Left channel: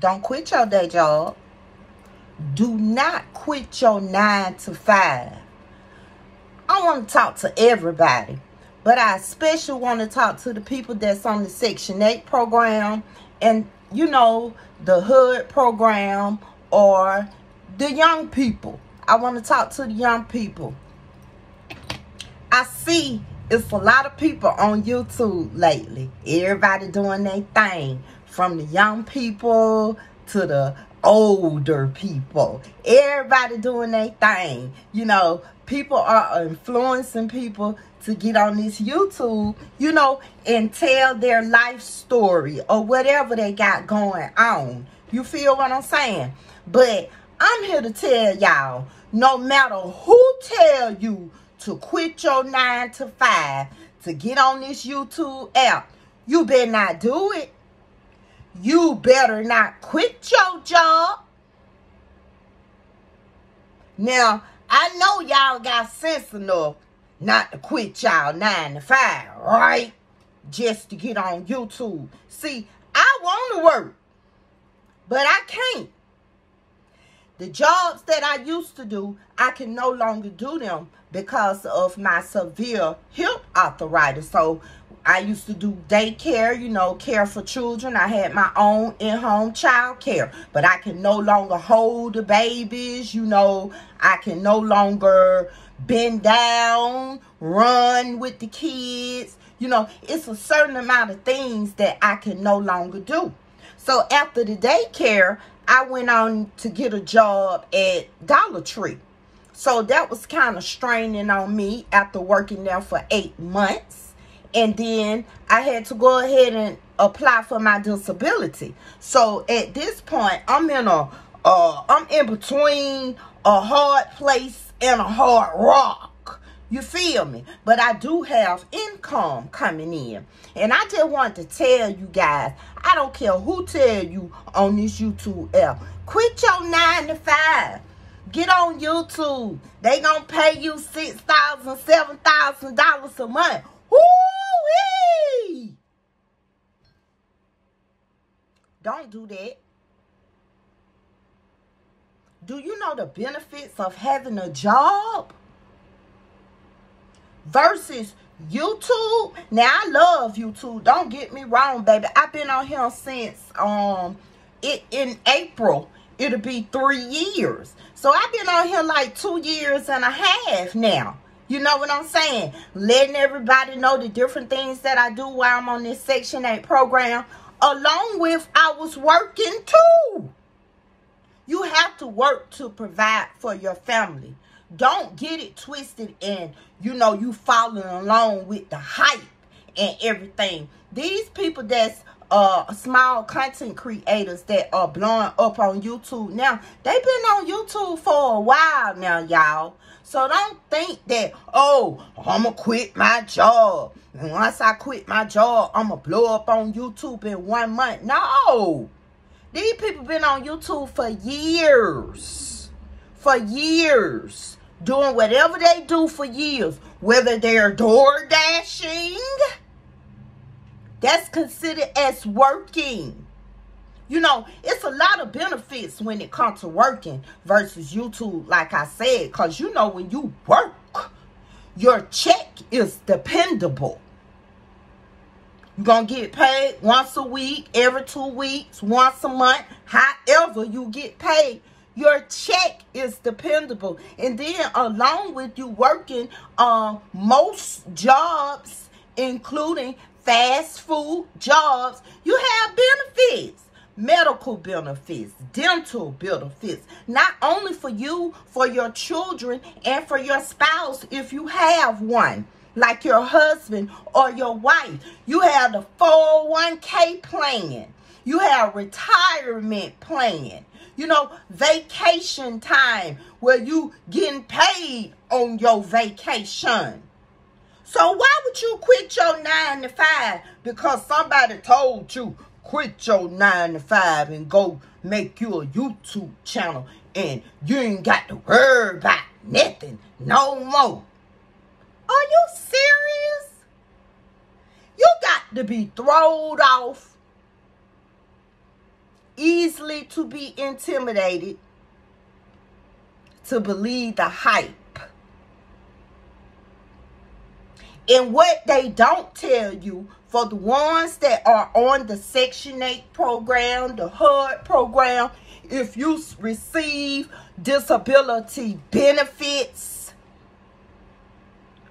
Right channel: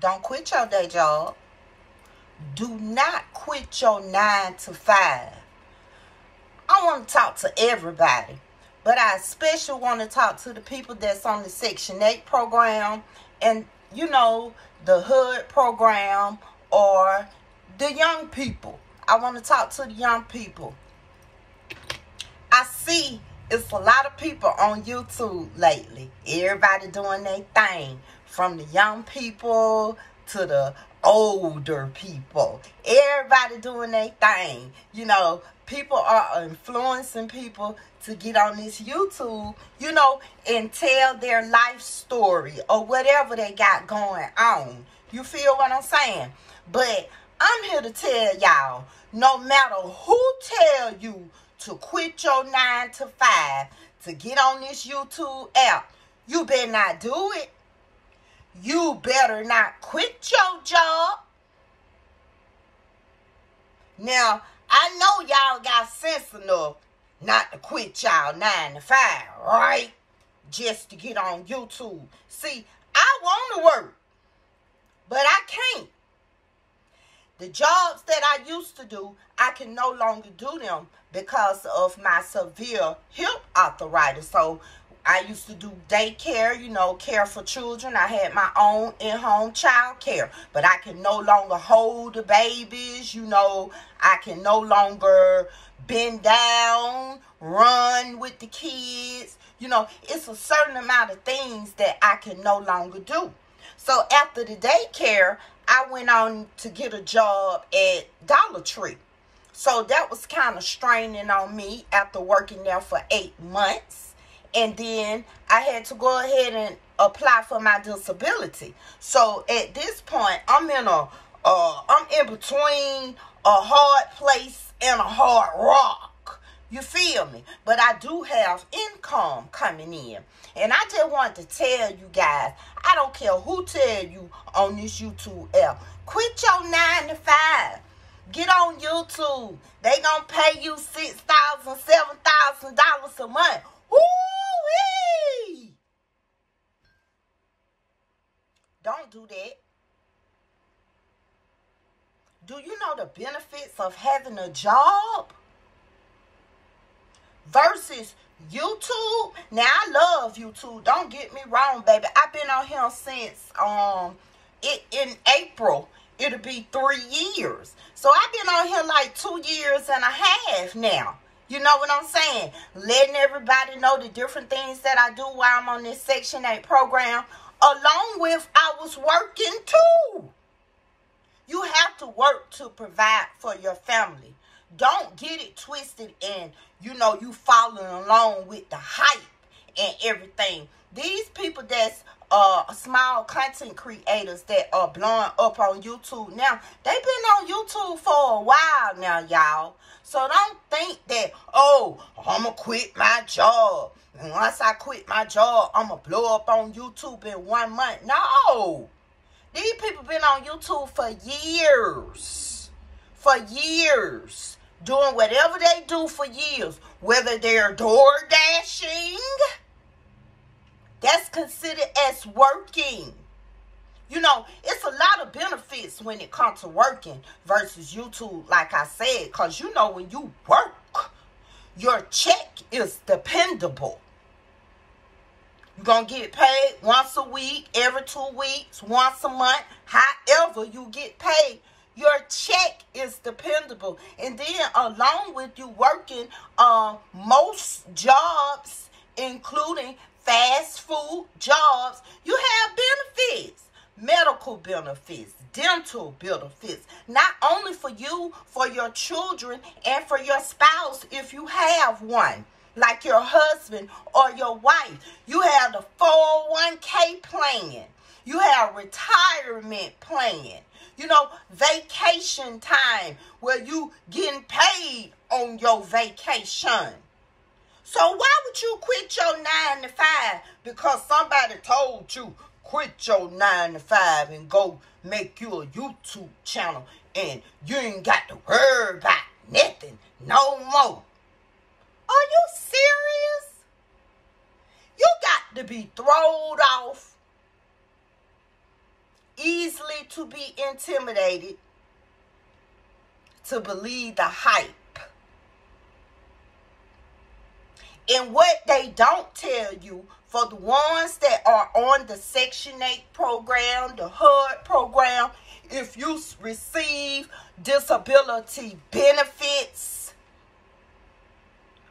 Don't quit your day job. Do not quit your 9 to 5. I want to talk to everybody, but I especially want to talk to the people that's on the Section 8 program and, you know, the HUD program or the young people. I want to talk to the young people. I see it's a lot of people on YouTube lately. Everybody doing their thing, from the young people to the older people. Everybody doing their thing. You know, people are influencing people to get on this YouTube, you know, and tell their life story or whatever they got going on. You feel what I'm saying? But I'm here to tell y'all, no matter who tell you to quit your 9 to 5 to get on this YouTube app, you better not do it. You better not quit your job. Now, I know y'all got sense enough not to quit y'all 9 to 5, right? Just to get on YouTube. See, I want to work, but I can't. The jobs that I used to do, I can no longer do them because of my severe hip arthritis. So I used to do daycare, you know, care for children. I had my own in-home child care, but I can no longer hold the babies, you know. I can no longer bend down, run with the kids. You know, it's a certain amount of things that I can no longer do. So after the daycare, I went on to get a job at Dollar Tree. So that was kind of straining on me after working there for 8 months. And then I had to go ahead and apply for my disability. So at this point, I'm in between a hard place and a hard rock. You feel me? But I do have income coming in. And I just want to tell you guys, I don't care who tell you on this YouTube app, quit your 9 to 5. Get on YouTube. They gonna pay you $6,000, $7,000 a month. Woo-wee! Don't do that. Do you know the benefits of having a job versus YouTube? Now, I love YouTube. Don't get me wrong, baby. I've been on here since in April. It'll be 3 years. So I've been on here like 2 years and a half now. You know what I'm saying? Letting everybody know the different things that I do while I'm on this Section 8 program. Along with, I was working too. You have to work to provide for your family. Don't get it twisted and, you know, you following along with the hype and everything. These people that's small content creators that are blowing up on YouTube now, they've been on YouTube for a while now, y'all. So don't think that, oh, I'm going to quit my job. And once I quit my job, I'm going to blow up on YouTube in 1 month. No. These people been on YouTube for years. For years. Doing whatever they do for years. Whether they're door dashing, that's considered as working. You know, it's a lot of benefits when it comes to working versus YouTube, like I said. Because, you know, when you work, your check is dependable. You're going to get paid once a week, every 2 weeks, once a month. However you get paid, your check is dependable. And then along with you working most jobs, including fast food jobs, you have benefits. Medical benefits, dental benefits, not only for you, for your children, and for your spouse if you have one, like your husband or your wife. You have the 401k plan. You have retirement plan. You know, vacation time where you getting paid on your vacation. So why would you quit your 9 to 5 because somebody told you quit your 9 to 5 and go make you a YouTube channel and you ain't got to worry about nothing no more? Are you serious? You got to be thrown off easily to be intimidated to believe the hype. And what they don't tell you, for the ones that are on the Section 8 program, the HUD program, if you receive disability benefits,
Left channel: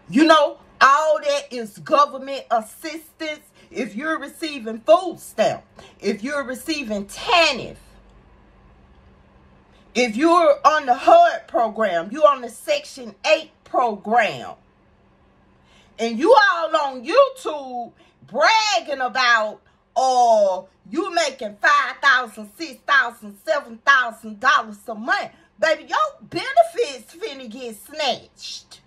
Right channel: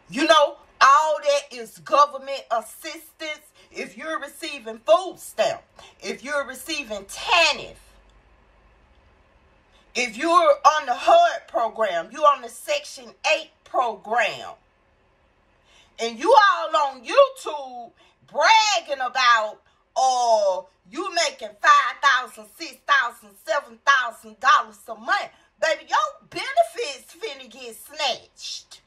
you know, all that is government assistance. If you're receiving food stamp, if you're receiving TANF, if you're on the HUD program, you're on the Section 8 program, and you all on YouTube bragging about, you making $5,000, $6,000, $7,000 a month, baby, your benefits finna get snatched.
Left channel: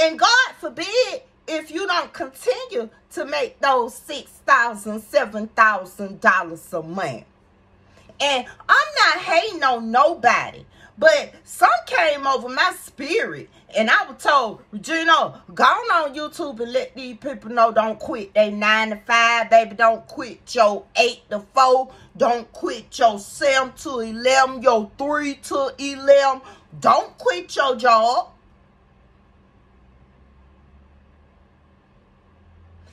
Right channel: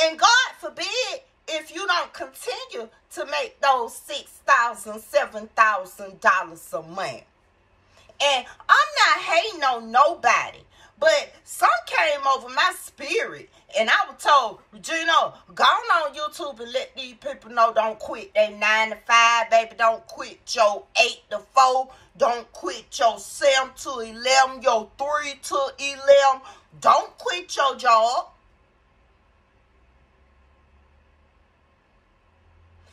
And God forbid if you don't continue to make those $6,000, $7,000 a month. And I'm not hating on nobody, but some came over my spirit, and I was told, Regina, go on YouTube and let these people know, don't quit they 9 to 5, baby. Don't quit your 8 to 4. Don't quit your 7 to 11, your 3 to 11. Don't quit your job.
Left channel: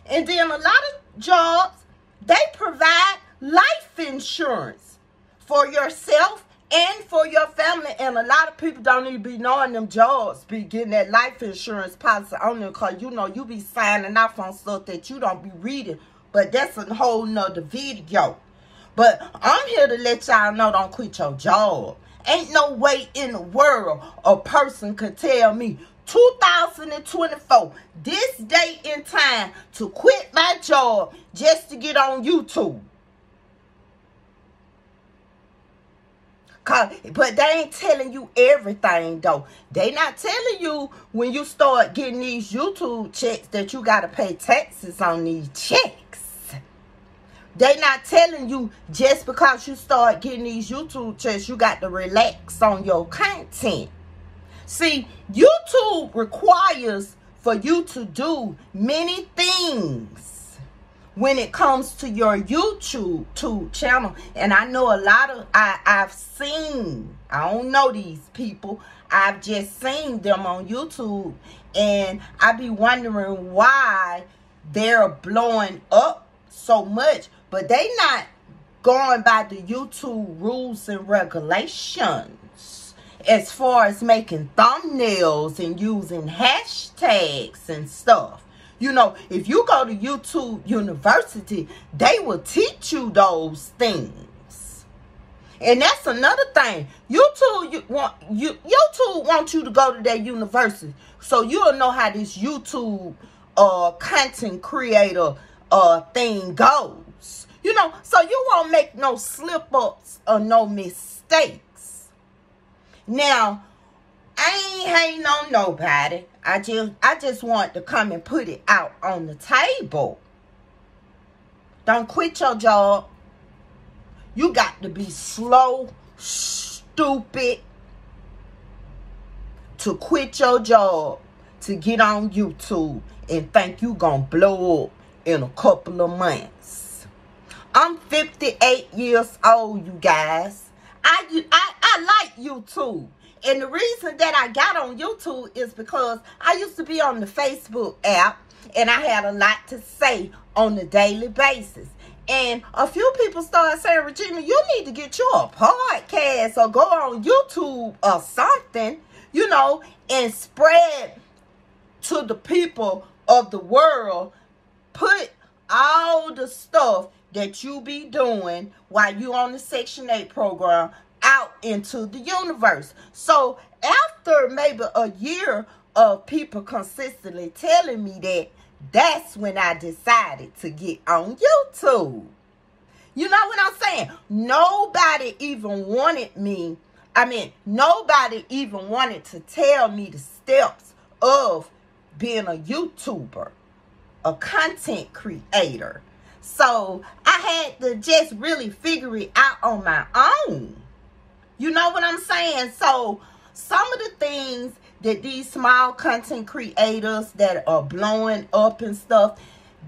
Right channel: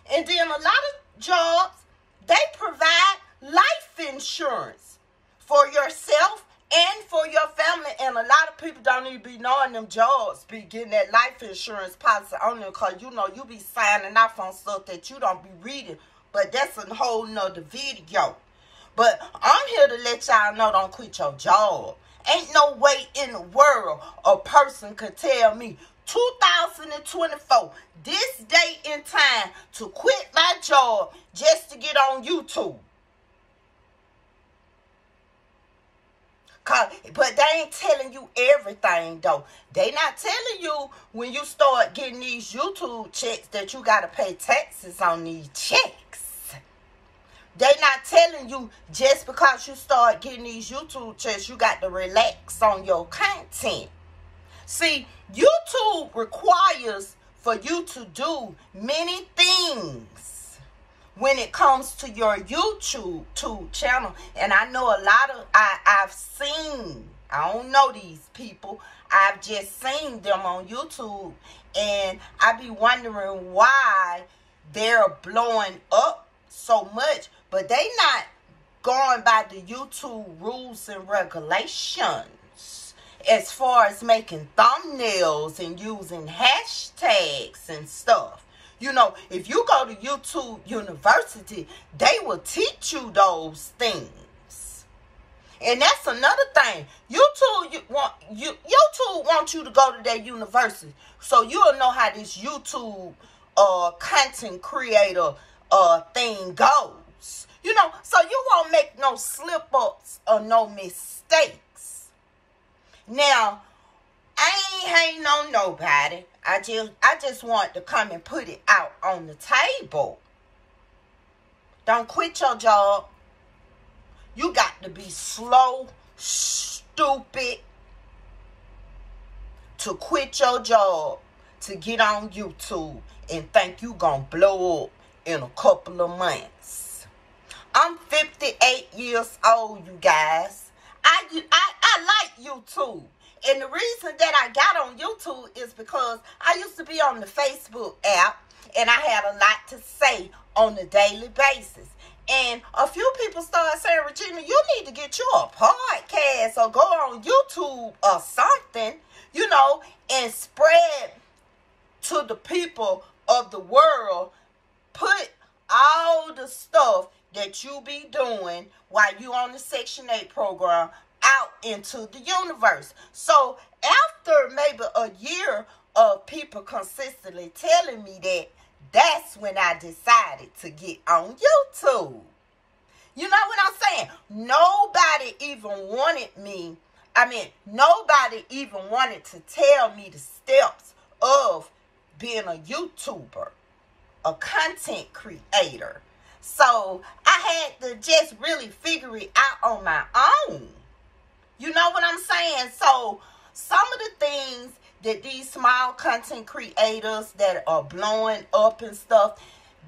And then a lot of jobs, they provide life insurance for yourself and for your family. And a lot of people don't even be knowing them jobs be getting that life insurance policy on them, because, you know, you be signing off on stuff that you don't be reading. But that's a whole nother video. But I'm here to let y'all know, don't quit your job. Ain't no way in the world a person could tell me 2024, this date in time, to quit my job just to get on YouTube. But they ain't telling you everything, though. They not telling you when you start getting these YouTube checks that you got to pay taxes on these checks. They not telling you just because you start getting these YouTube checks, you got to relax on your content. See, YouTube requires for you to do many things when it comes to your YouTube channel. And I know a lot of, I've seen, I don't know these people, I've just seen them on YouTube, and I be wondering why they're blowing up so much, but they not going by the YouTube rules and regulations as far as making thumbnails and using hashtags and stuff. You know, if you go to YouTube University, they will teach you those things. And that's another thing. YouTube wants you to go to their university, so you'll know how this YouTube content creator thing goes. You know, so you won't make no slip-ups or no mistakes. Now, I ain't hating on nobody. I just want to come and put it out on the table. Don't quit your job. You got to be slow, stupid to quit your job to get on YouTube and think you gonna blow up in a couple of months. I'm 58 years old, you guys. I like YouTube. And the reason that I got on YouTube is because I used to be on the Facebook app, and I had a lot to say on a daily basis. And a few people started saying, Regina, you need to get you a podcast or go on YouTube or something, you know, and spread to the people of the world. Put all the stuff that you be doing while you on the Section 8 program out into the universe. So after maybe a year of people consistently telling me that, that's when I decided to get on YouTube. You know what I'm saying? Nobody even wanted me. Nobody even wanted to tell me the steps of being a YouTuber, a content creator. So I had to just really figure it out on my own. You know what I'm saying? So some of the things that these small content creators that are blowing up and stuff,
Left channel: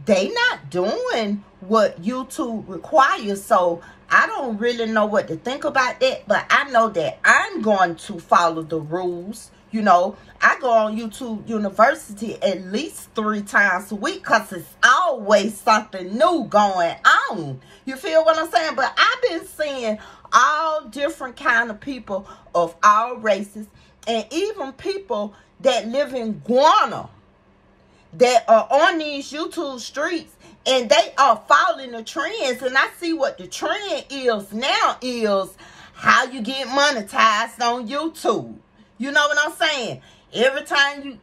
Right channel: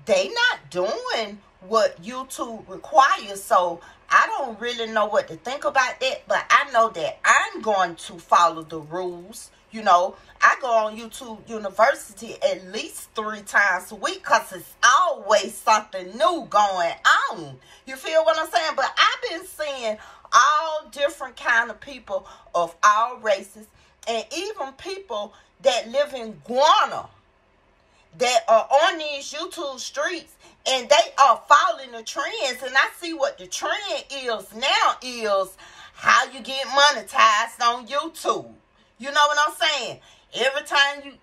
they not doing what YouTube requires. So I don't really know what to think about that, but I know that I'm going to follow the rules. You know, I go on YouTube University at least 3 times a week because it's always something new going on. You feel what I'm saying? But I've been seeing all different kind of people of all races, and even people that live in Guyana that are on these YouTube streets, and they are following the trends. And I see what the trend is now is how you get monetized on YouTube. You know what I'm saying? Every time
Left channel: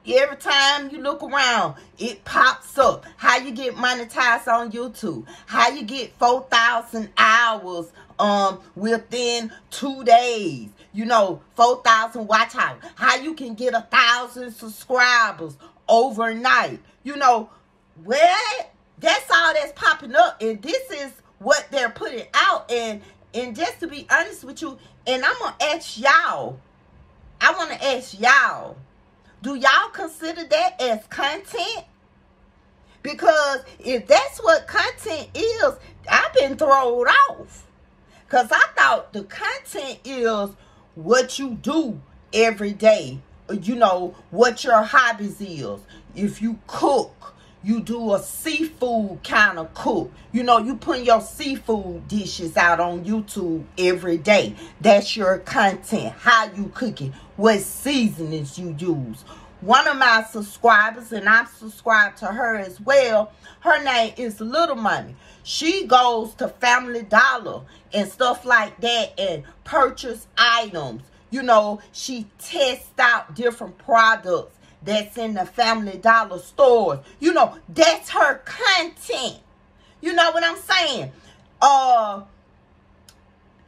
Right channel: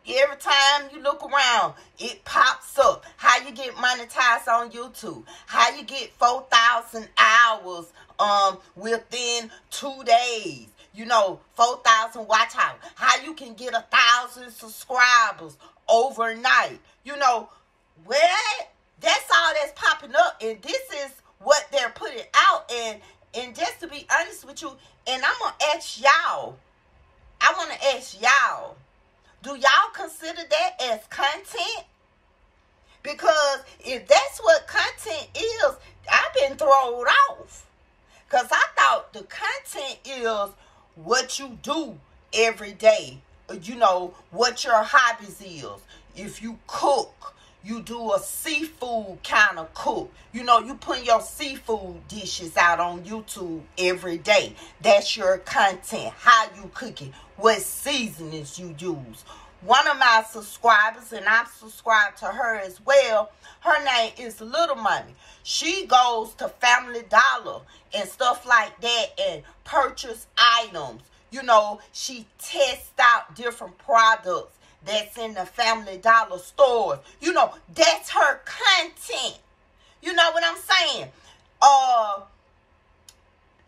you look around, it pops up. How you get monetized on YouTube. How you get 4,000 hours within 2 days. You know, 4,000 watch hours. How you can get 1,000 subscribers overnight. You know, well, that's all that's popping up. And this is what they're putting out. And just to be honest with you, and I'm going to ask y'all, I want to ask y'all, do y'all consider that as content? Because if that's what content is, I've been thrown off. Because I thought the content is what you do every day. You know, what your hobbies is. If you cook, you do a seafood kind of cook. You know, you put your seafood dishes out on YouTube every day. That's your content. How you cook it. What seasonings you use. One of my subscribers, and I'm subscribed to her as well, her name is Little Money. She goes to Family Dollar and stuff like that and purchase items. You know, she tests out different products that's in the Family Dollar stores. You know, that's her content. You know what I'm saying?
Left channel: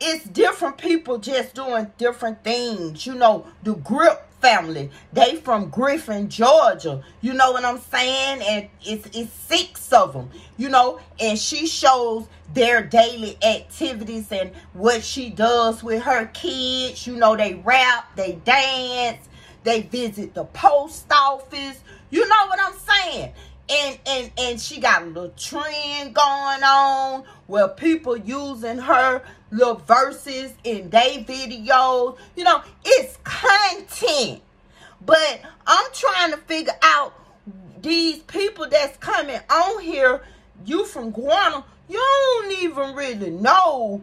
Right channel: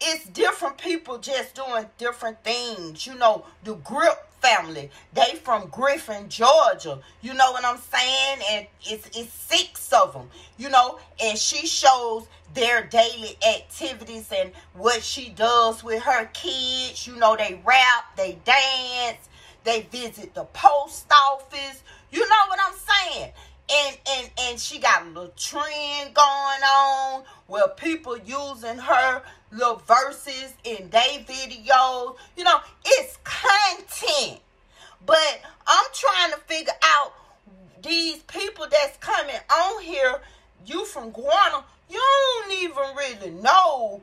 It's different people just doing different things. You know, the Grip family, they from Griffin, Georgia. You know what I'm saying? And it's 6 of them, you know, and she shows their daily activities and what she does with her kids. You know, they rap, they dance, they visit the post office. You know what I'm saying? And she got a little trend going on where people using her little verses in their videos. You know, it's content. But I'm trying to figure out these people that's coming on here, you from Guyana, you don't even really know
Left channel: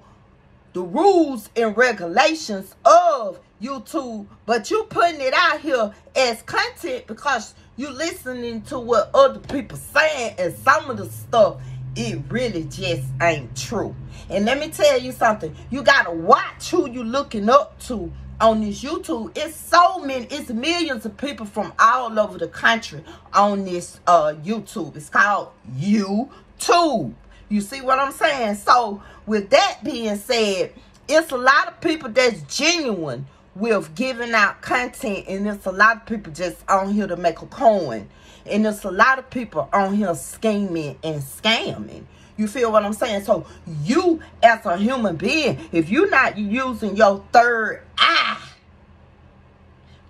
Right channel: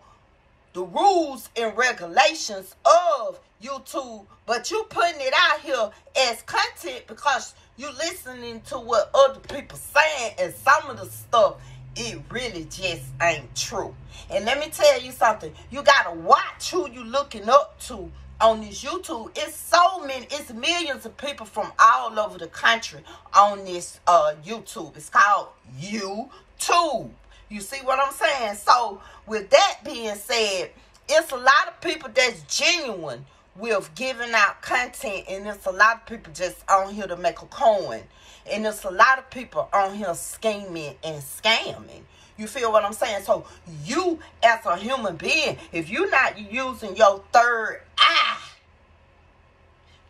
the rules and regulations of YouTube, but you putting it out here as content because you listening to what other people saying, and some of the stuff, it really just ain't true. And let me tell you something, you gotta watch who you looking up to on this YouTube. It's millions of people from all over the country on this YouTube. It's called YouTube. You see what I'm saying? So with that being said, it's a lot of people that's genuine with giving out content, and there's a lot of people just on here to make a coin, and there's a lot of people on here scheming and scamming. You feel what I'm saying? So you as a human being, if you're not using your third eye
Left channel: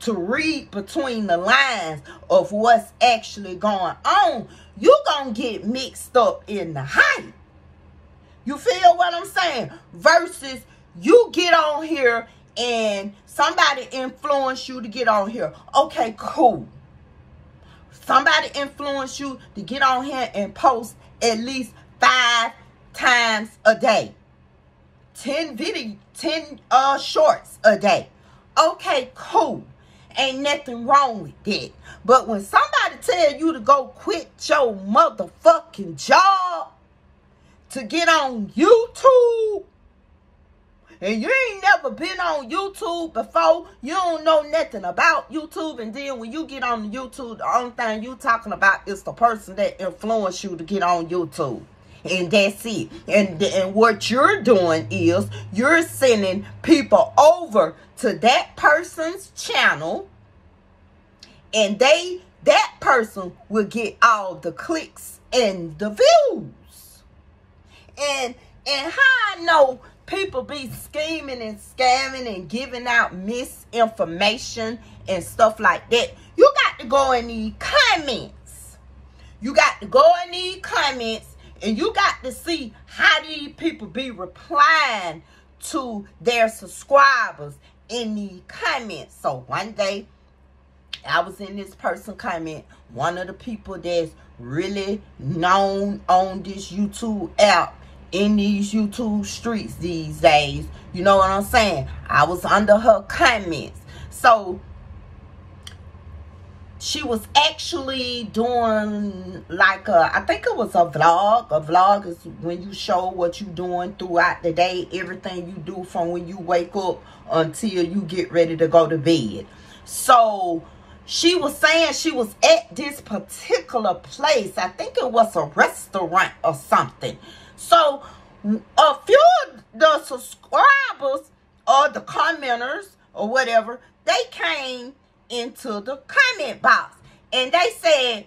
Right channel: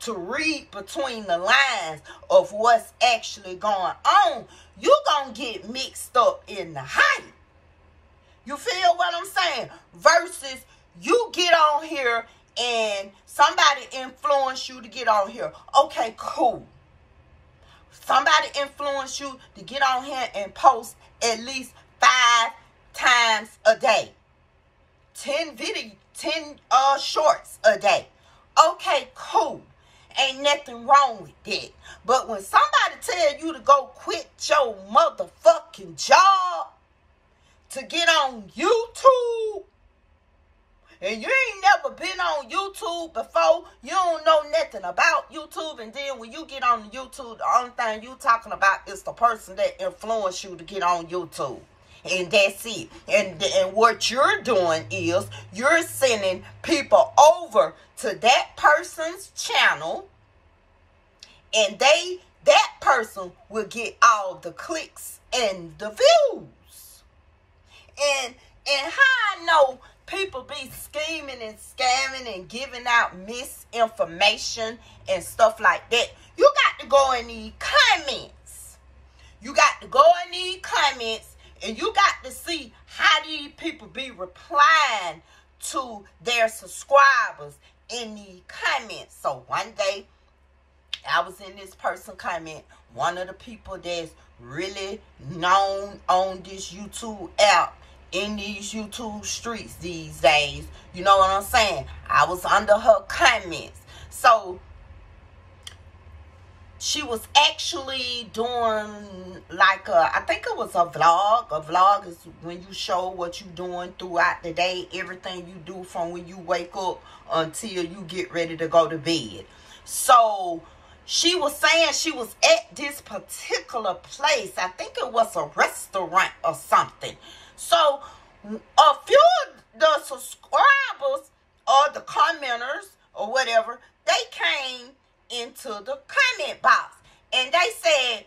to read between the lines of what's actually going on, you're gonna get mixed up in the hype. You feel what I'm saying? Versus you get on here and somebody influence you to get on here. Okay, cool. Somebody influence you to get on here and post at least 5 times a day. 10 shorts a day. Okay, cool. Ain't nothing wrong with that. But when somebody tell you to go quit your motherfucking job to get on YouTube, and you ain't never been on YouTube before, you don't know nothing about YouTube, and then when you get on YouTube, the only thing you talking about is the person that influenced you to get on YouTube. And that's it. And what you're doing is you're sending people over to that person's channel, and that person will get all the clicks and the views. And how I know people be scheming and scamming and giving out misinformation and stuff like that, you got to go in the comments. You got to go in these comments and you got to see how these people be replying to their subscribers in the comments. So one day, I was in this person comment, one of the people that's really known on this YouTube app, in these YouTube streets these days. You know what I'm saying? I was under her comments. So she was actually doing like I think it was a vlog. A vlog is when you show what you're doing throughout the day, everything you do from when you wake up until you get ready to go to bed. So she was saying she was at this particular place. I think it was a restaurant or something. So a few of the subscribers or the commenters or whatever, they came into the comment box and they said,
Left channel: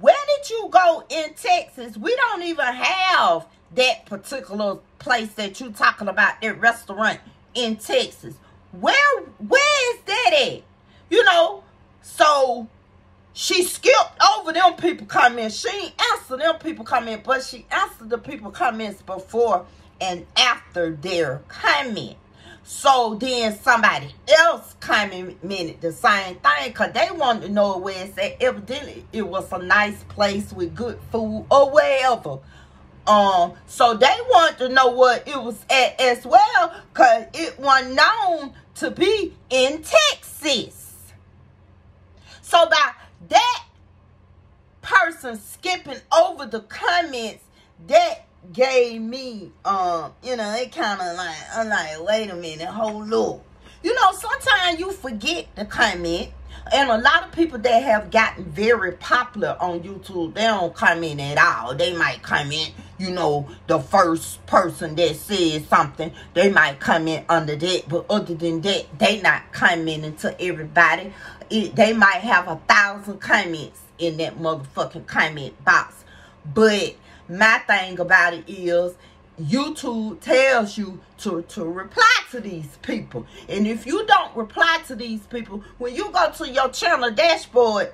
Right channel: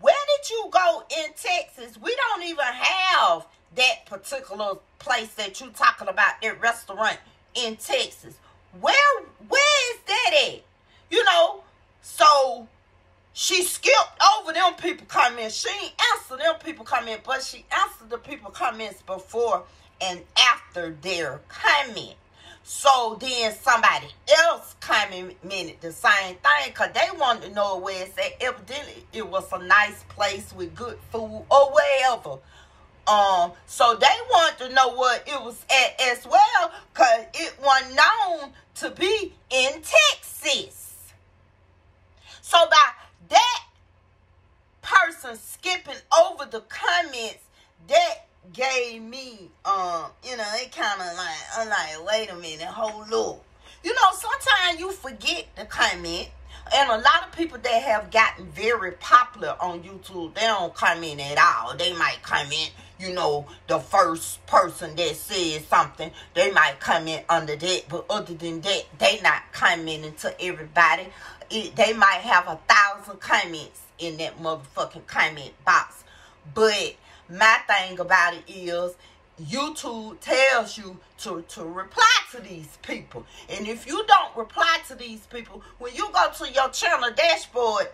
where did you go in Texas? We don't even have that particular place that you talking about, that restaurant in Texas. Where is that at? You know, so she skipped over them people comments. She ain't answered them people comments, but she answered the people comments before and after their comment. So then somebody else commented the same thing because they wanted to know where it's at. Evidently, it was a nice place with good food or wherever. So they wanted to know what it was at as well because it wasn't known to be in Texas. So by that person skipping over the comments, that gave me, you know, it kind of like, I'm like, wait a minute, hold up. You know, sometimes you forget to comment. And a lot of people that have gotten very popular on YouTube, they don't comment at all. They might comment, you know, the first person that says something, they might comment under that. But other than that, they not commenting to everybody. They might have 1,000 comments in that motherfucking comment box. But my thing about it is, YouTube tells you to reply to these people. And if you don't reply to these people, when you go to your channel dashboard,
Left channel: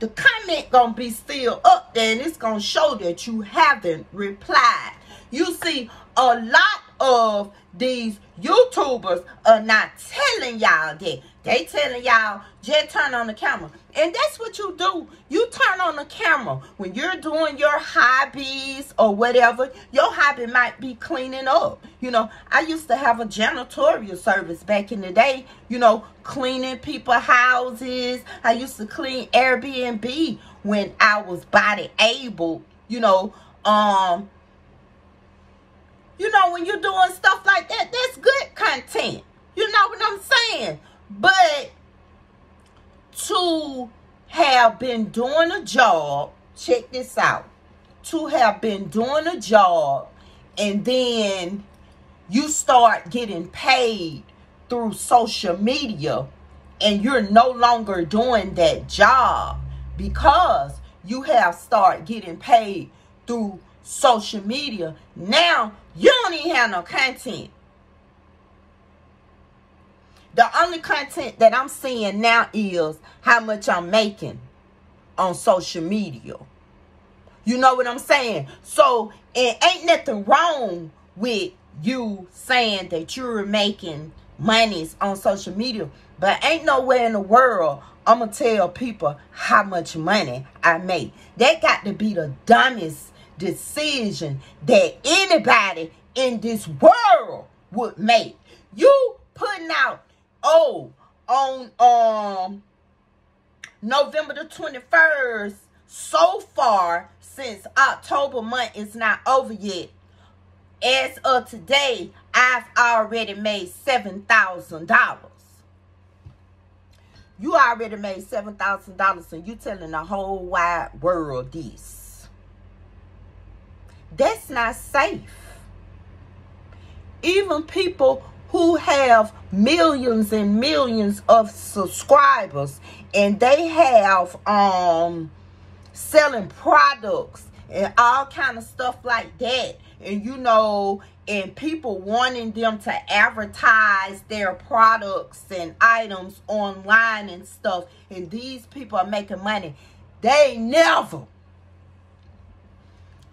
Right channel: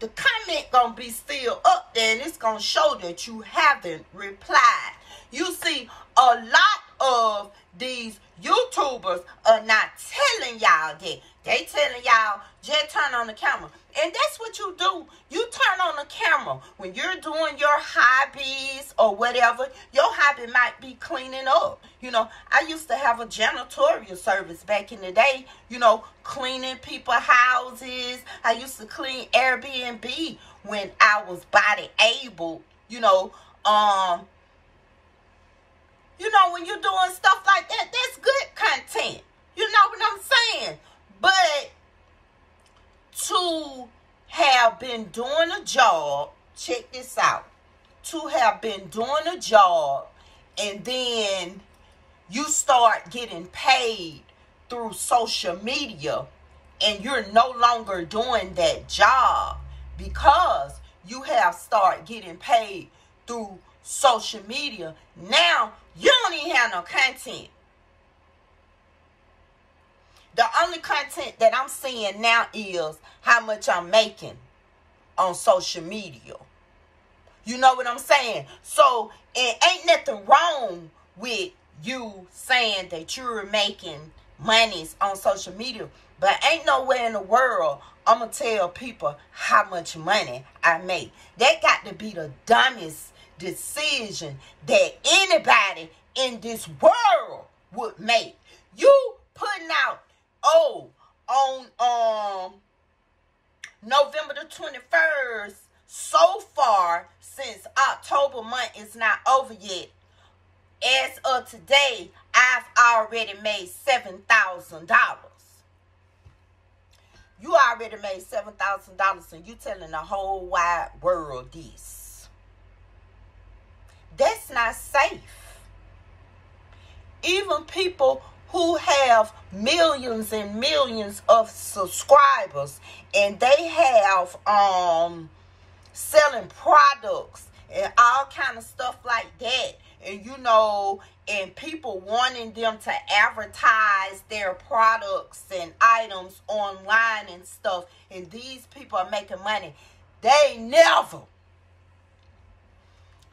the comment gonna be still up there and it's gonna show that you haven't replied. You see, a lot of these YouTubers are not telling y'all that. They telling y'all, just turn on the camera. And that's what you do. You turn on the camera. When you're doing your hobbies or whatever, your hobby might be cleaning up. You know, I used to have a janitorial service back in the day, you know, cleaning people's houses. I used to clean Airbnb when I was body able, you know, when you're doing stuff like that, that's good content. You know what I'm saying? But to have been doing a job, check this out, to have been doing a job and then you start getting paid through social media and you're no longer doing that job because you have started getting paid through social media. Now, you don't even have no content. The only content that I'm seeing now is how much I'm making on social media. You know what I'm saying? So, it ain't nothing wrong with you saying that you're making monies on social media. But ain't nowhere in the world I'm going to tell people how much money I make. That got to be the dumbest decision that anybody in this world would make. You putting out, on November the 21st, so far, since October month is not over yet, as of today, I've already made $7,000. You already made $7,000 and you telling the whole wide world this. That's not safe. Even people who have millions and millions of subscribers and they have selling products and all kind of stuff like that, and you know, and people wanting them to advertise their products and items online and stuff, and these people are making money. They never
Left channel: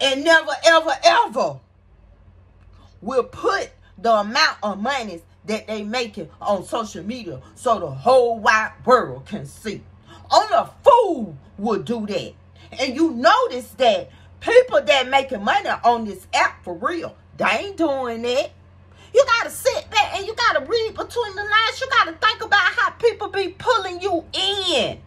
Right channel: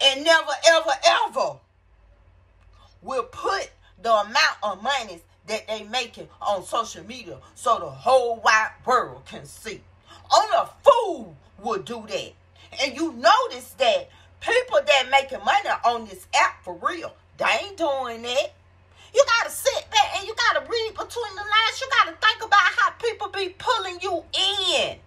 and never, ever, ever will put the amount of money that they making on social media so the whole wide world can see. Only a fool would do that. And you notice that people that making money on this app for real, they ain't doing that. You gotta sit back and you gotta read between the lines. You gotta think about how people be pulling you in.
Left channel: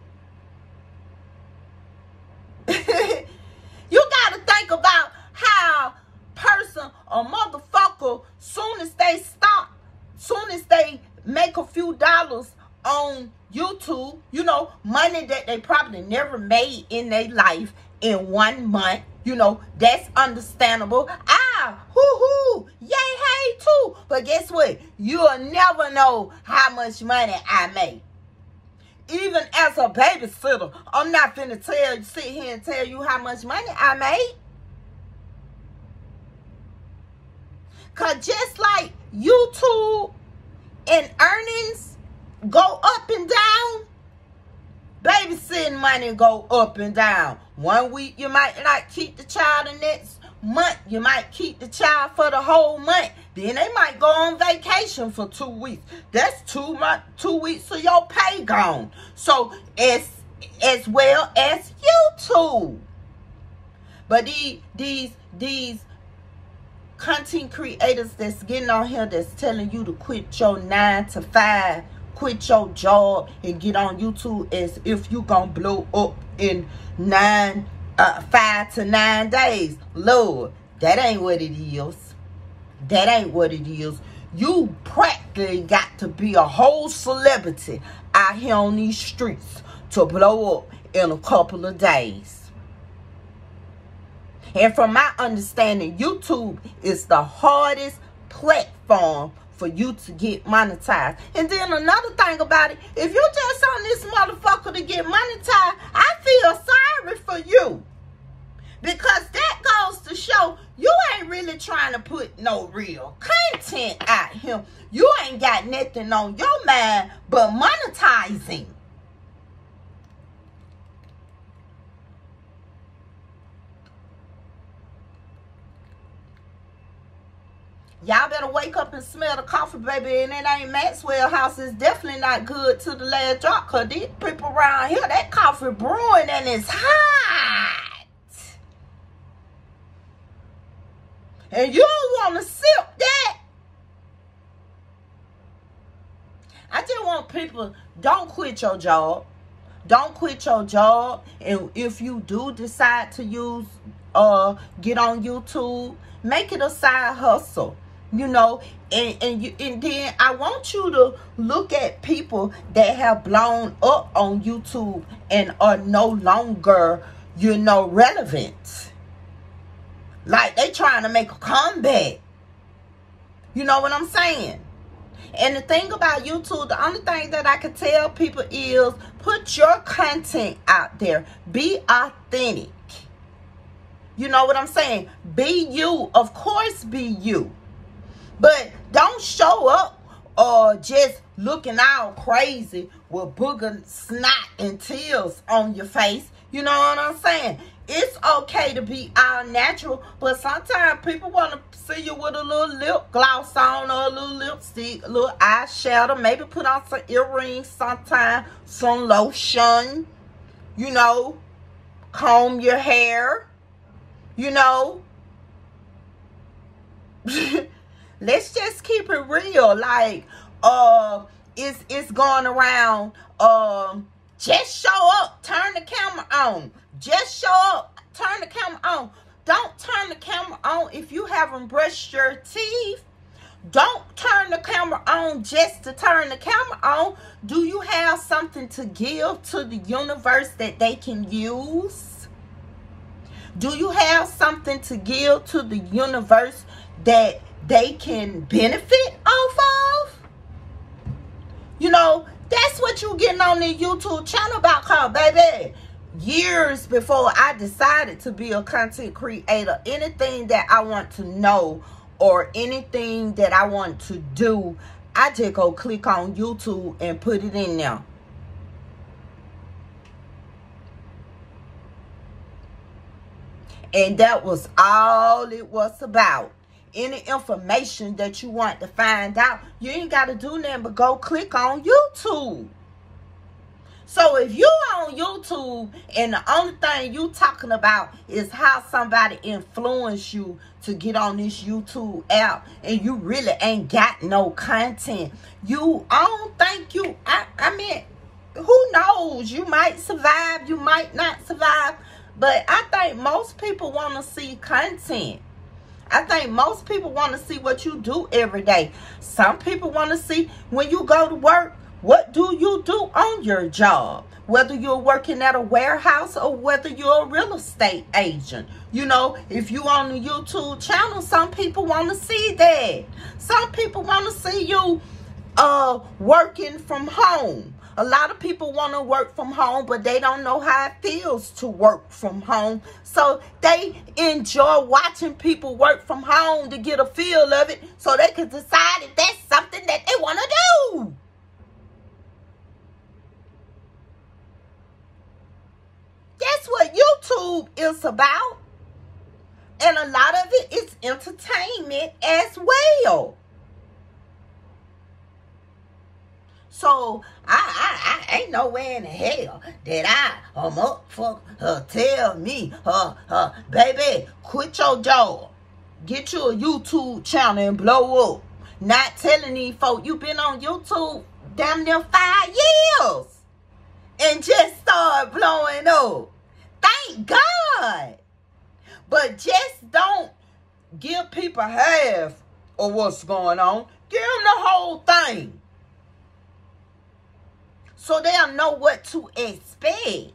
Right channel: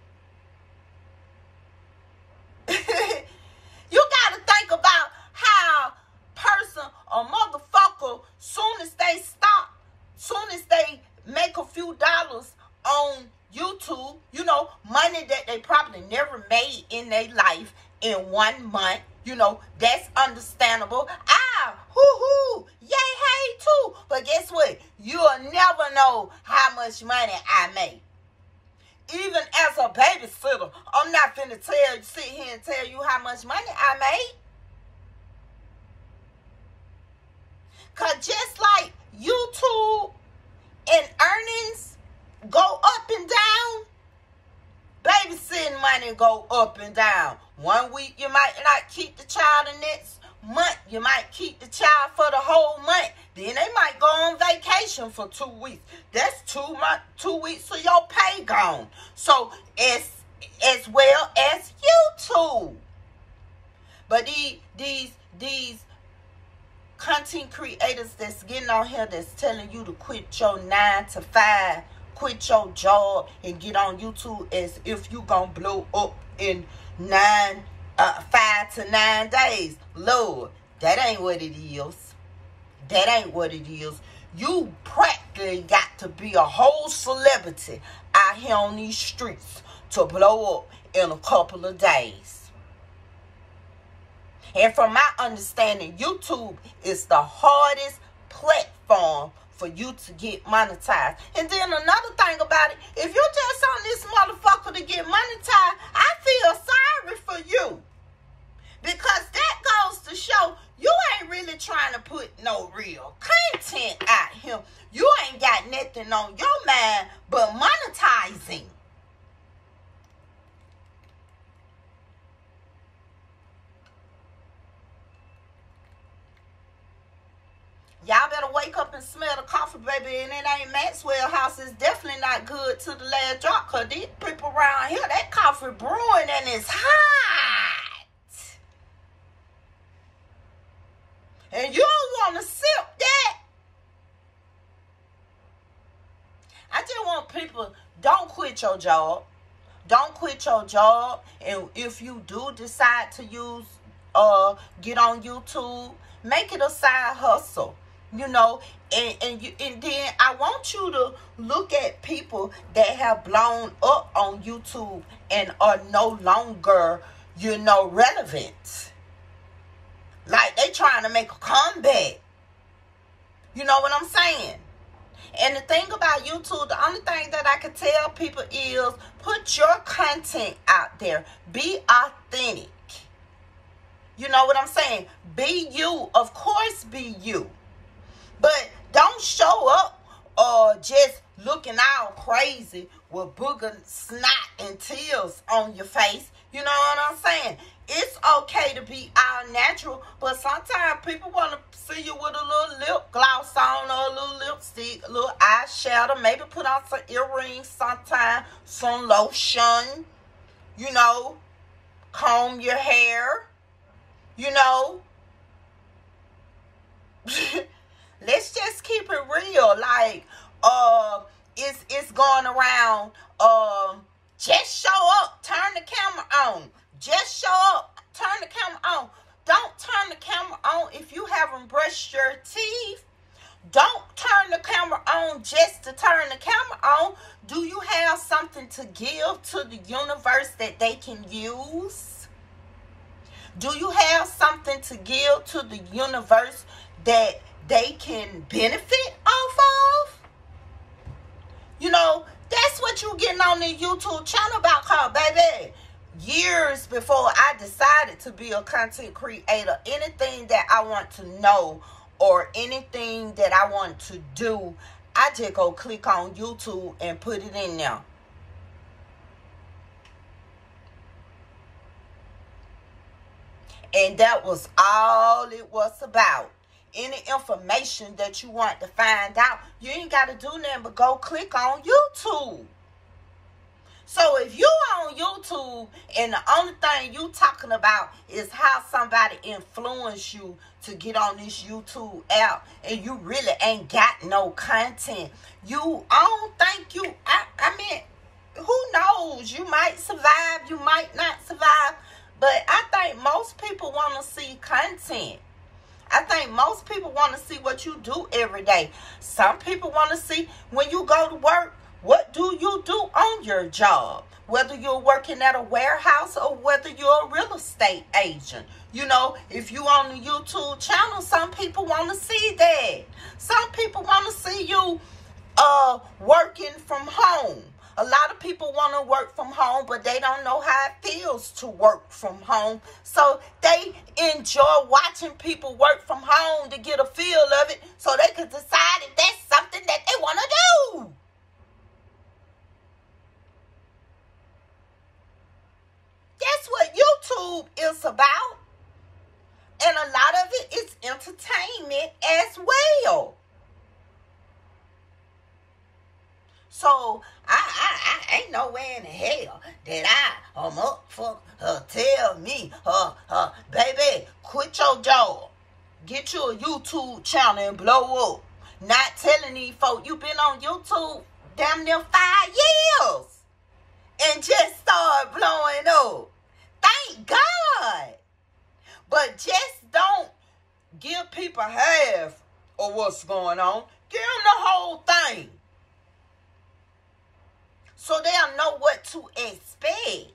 You gotta think about how person or motherfucker, soon as they make a few dollars on YouTube, you know, money that they probably never made in their life in 1 month, you know, that's understandable. Hoo-hoo, yay, hey, too. But guess what? You'll never know how much money I make. Even as a babysitter, I'm not finna sit here and tell you how much money I made. Because just like YouTube and earnings go up and down, babysitting money go up and down. 1 week you might not keep the child, the next month you might keep the child for the whole month. Then they might go on vacation for 2 weeks. That's 2 weeks of your pay gone. So as well as YouTube. But these content creators that's getting on here that's telling you to quit your 9 to 5, quit your job and get on YouTube as if you gonna blow up in 5 to 9 days. Lord, that ain't what it is. That ain't what it is. You practically got to be a whole celebrity out here on these streets to blow up in a couple of days. And from my understanding, YouTube is the hardest platform for you to get monetized. And then another thing about it, if you're just on this motherfucker to get monetized, I feel sorry for you. Because that goes to show you ain't really trying to put no real content out here. You ain't got nothing on your mind but monetizing. Y'all better wake up and smell the coffee, baby. And it ain't Maxwell House. It's definitely not good to the last drop. Because these people around here, that coffee brewing and it's hot. And you don't want to sip that. I just want people, don't quit your job. Don't quit your job. And if you do decide to get on YouTube, make it a side hustle. You know, and then I want you to look at people that have blown up on YouTube and are no longer, you know, relevant. Like they trying to make a comeback. You know what I'm saying? And the thing about YouTube, the only thing that I can tell people is put your content out there. Be authentic. You know what I'm saying? Be you. Of course, be you. But don't show up or just looking all crazy with booger, snot, and tears on your face. You know what I'm saying? It's okay to be all natural, but sometimes people want to see you with a little lip gloss on or a little lipstick, a little eyeshadow, maybe put on some earrings sometime, some lotion, you know, comb your hair, you know. Let's just keep it real. Like, it's going around, just show up, turn the camera on. Just show up, turn the camera on. Don't turn the camera on if you haven't brushed your teeth. Don't turn the camera on just to turn the camera on. Do you have something to give to the universe that they can use? Do you have something to give to the universe that they can benefit off of? You know, that's what you getting on the YouTube channel about, called, baby. Years before I decided to be a content creator, anything that I want to know or anything that I want to do, I just go click on YouTube and put it in there. And that was all it was about. Any information that you want to find out, you ain't got to do nothing but go click on YouTube. So if you on YouTube and the only thing you talking about is how somebody influenced you to get on this YouTube app and you really ain't got no content, I don't think you, I mean, who knows? You might survive, you might not survive, but I think most people want to see content. I think most people want to see what you do every day. Some people want to see when you go to work, what do you do on your job? Whether you're working at a warehouse or whether you're a real estate agent. You know, if you on the YouTube channel, some people want to see that. Some people want to see you working from home. A lot of people want to work from home, but they don't know how it feels to work from home. So they enjoy watching people work from home to get a feel of it so they can decide if that's something that they want to do. That's what YouTube is about. And a lot of it is entertainment as well. So I ain't nowhere in the hell that I'm up for her tell me, baby, quit your job. Get you a YouTube channel and blow up. Not telling these folk you been on YouTube damn near 5 years and just start blowing up. Thank God. But just don't give people half of what's going on. Give them the whole thing, so they'll know what to expect.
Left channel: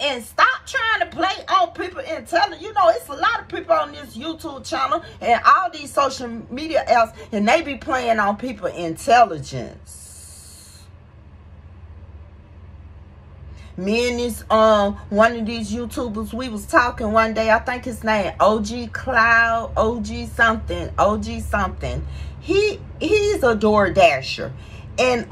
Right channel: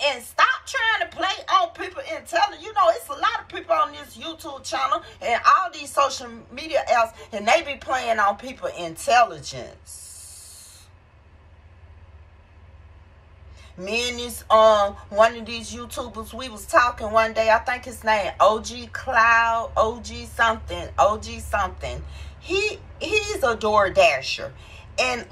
And stop trying to play on people intelligence. You know, it's a lot of people on this YouTube channel and all these social media apps, and they be playing on people intelligence. Me and this one of these YouTubers, we was talking one day. I think his name OG Cloud, OG something. He's a DoorDasher, and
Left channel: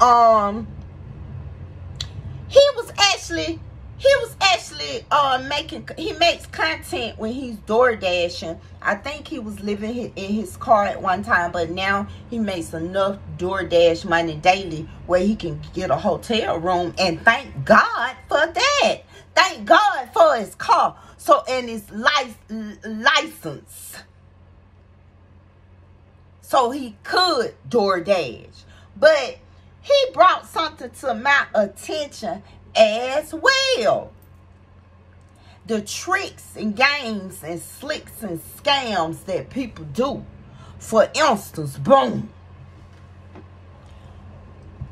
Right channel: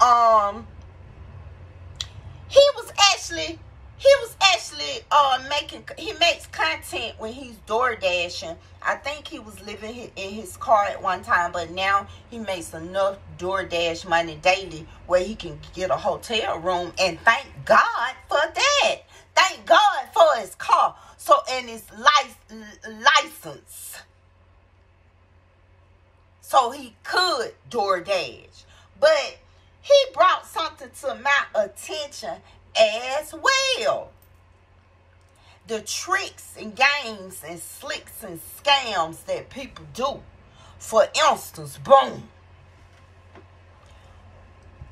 he makes content when he's door dashing. I think he was living in his car at one time, but now he makes enough DoorDash money daily where he can get a hotel room, and thank God for that. Thank God for his car. So, and his license. So he could DoorDash. But he brought something to my attention as well. The tricks and games and slicks and scams that people do. For instance, boom.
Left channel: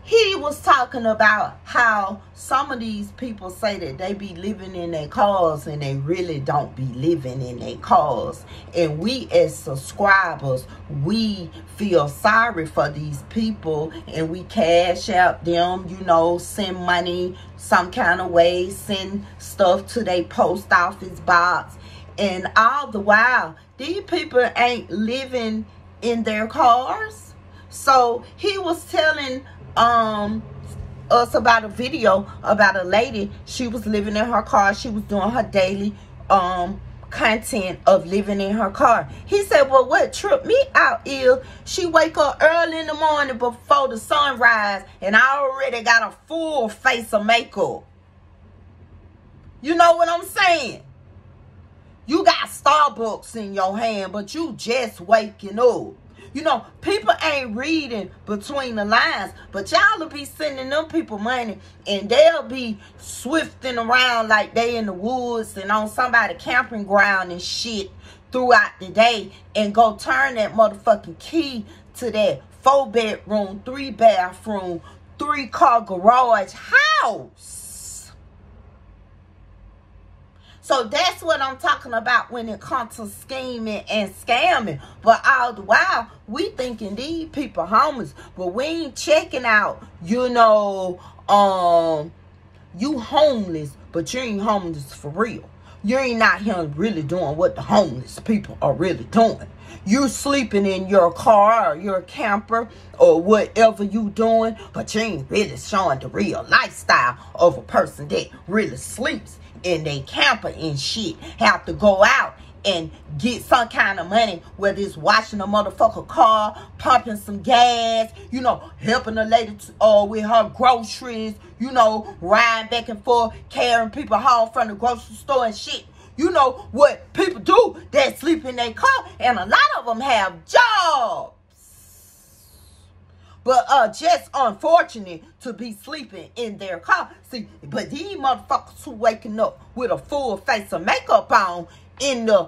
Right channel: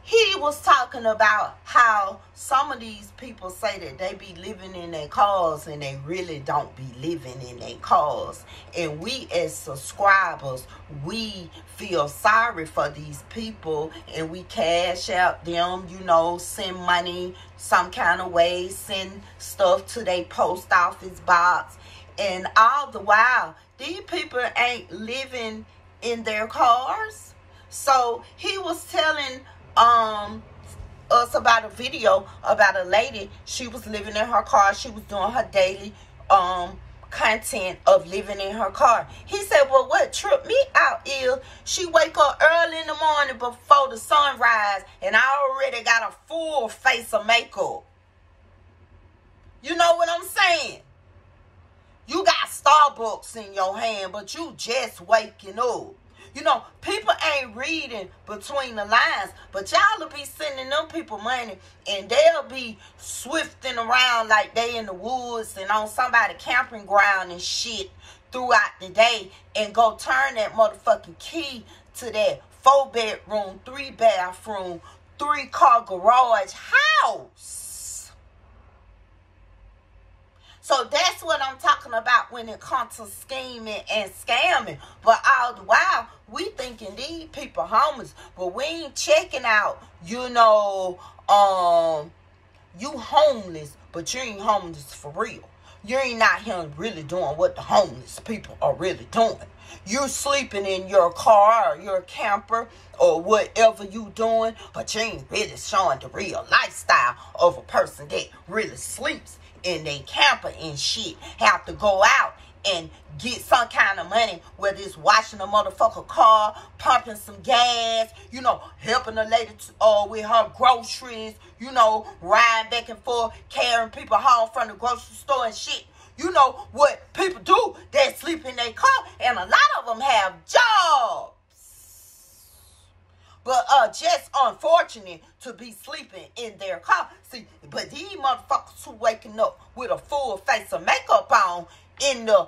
He was talking about how some of these people say that they be living in their cars and they really don't be living in their cars. And we as subscribers, we feel sorry for these people and we cash out them, you know, send money some kind of way, send stuff to their post office box. And all the while, these people ain't living in their cars. So he was telling us about a video about a lady. She was living in her car. She was doing her daily content of living in her car. He said, well, what tripped me out is she wake up early in the morning before the sunrise and I already got a full face of makeup. You know what I'm saying? You got Starbucks in your hand, but you just waking up. You know, people ain't reading between the lines, but y'all will be sending them people money and they'll be swifting around like they in the woods and on somebody's camping ground and shit throughout the day and go turn that motherfucking key to that 4-bedroom, 3-bathroom, 3-car garage house. So that's what I'm talking about when it comes to scheming and scamming. But all the while, we thinking these people homeless. But we ain't checking out, you know, you homeless, but you ain't homeless for real. You ain't out here really doing what the homeless people are really doing. You sleeping in your car or your camper or whatever you doing, but you ain't really showing the real lifestyle of a person that really sleeps in their camper and shit have to go out and get some kind of money, whether it's washing a motherfucker car, pumping some gas, you know, helping a lady with her groceries, you know, riding back and forth, carrying people home from the grocery store and shit. You know what people do that sleep in their car, and a lot of them have jobs. But just unfortunate to be sleeping in their car. See, but these motherfuckers who waking up with a full face of makeup on in the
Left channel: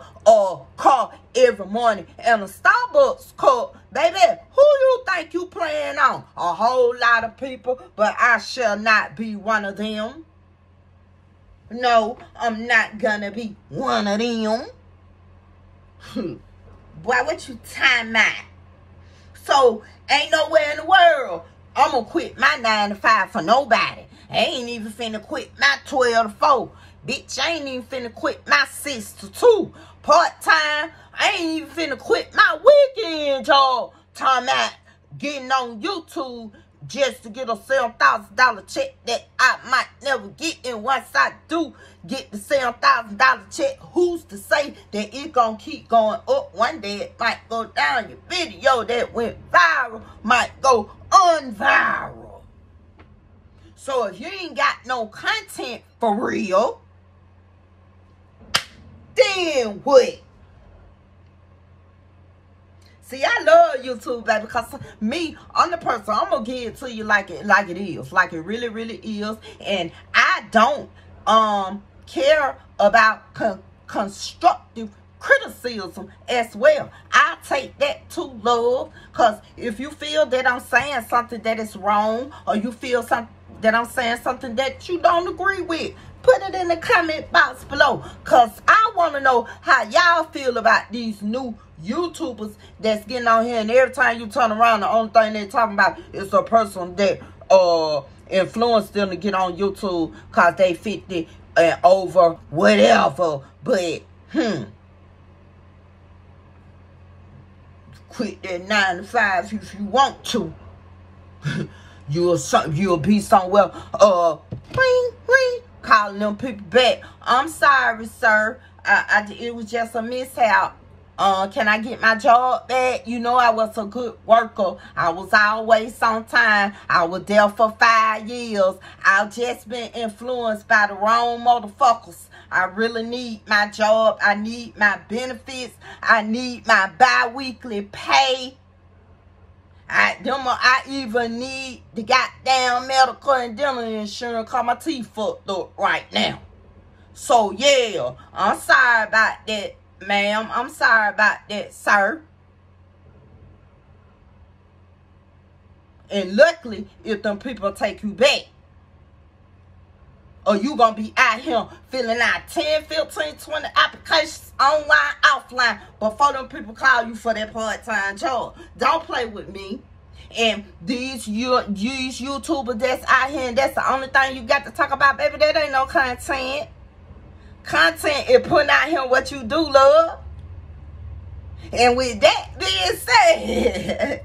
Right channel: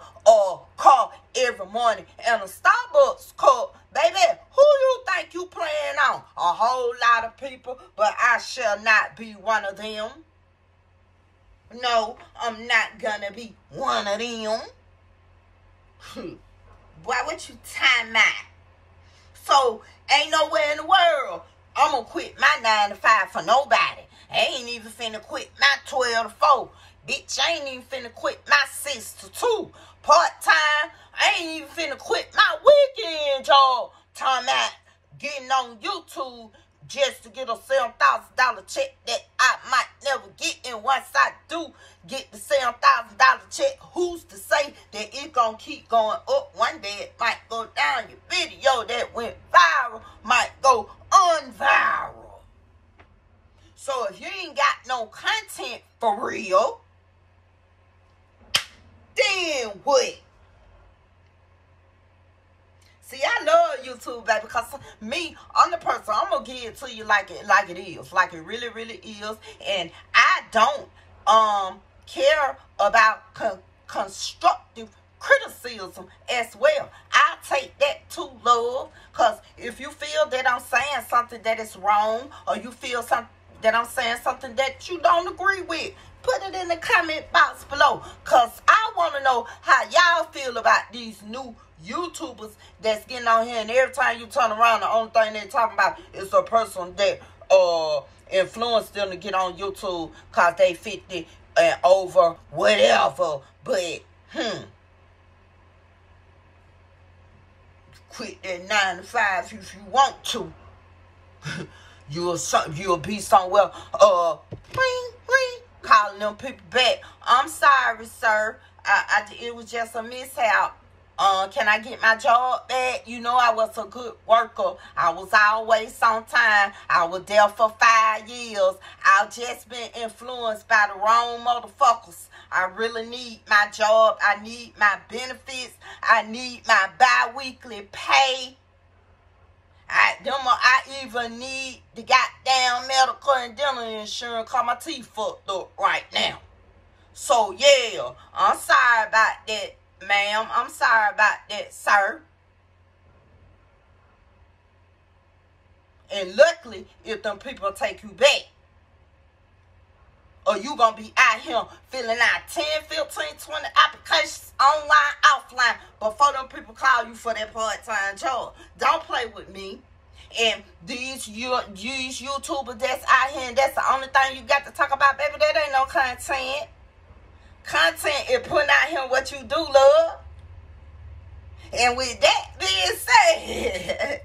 car every morning and a Starbucks cup, baby, who you think you playing on? A whole lot of people, but I shall not be one of them. No, I'm not gonna be one of them. Boy, what you time out? So, ain't nowhere in the world I'm gonna quit my 9 to 5 for nobody. I ain't even finna quit my 12 to 4. Bitch, I ain't even finna quit my 6 to 2 part-time. I ain't even finna quit my weekend job. Time out getting on YouTube just to get a $7,000 check that I might never get. And once I do get the $7,000 check, who's to say that it gonna keep going up? One day it might go down. Your video that went viral might go unviral. So if you ain't got no content for real, then what? See, I love YouTube, baby, because me, I'm the person, I'm going to give it to you like it is. Like it really, really is. And I don't care about constructive criticism as well. I take that to love, because if you feel that I'm saying something that is wrong, or you feel that I'm saying something that you don't agree with, put it in the comment box below, because I want to know how y'all feel about these new YouTubers that's getting on here, and every time you turn around, the only thing they're talking about is a person that influenced them to get on YouTube because they 50 and over, whatever. But quit that 9 to 5 if you want to. You'll be somewhere ring, ring, calling them people back. I'm sorry, sir. It was just a mishap. Can I get my job back? You know, I was a good worker. I was always on time. I was there for 5 years. I've just been influenced by the wrong motherfuckers. I really need my job. I need my benefits. I need my bi-weekly pay. I even need the goddamn medical and dental insurance because my teeth fucked up right now. So, yeah, I'm sorry about that, ma'am. I'm sorry about that, sir. And luckily, if them people take you back, or you gonna be out here filling out 10, 15, 20 applications online, offline, before them people call you for that part-time job. Don't play with me. And these YouTubers that's out here, and that's the only thing you got to talk about, baby, that ain't no content. Content is putting out here what you do, love. And with that being said,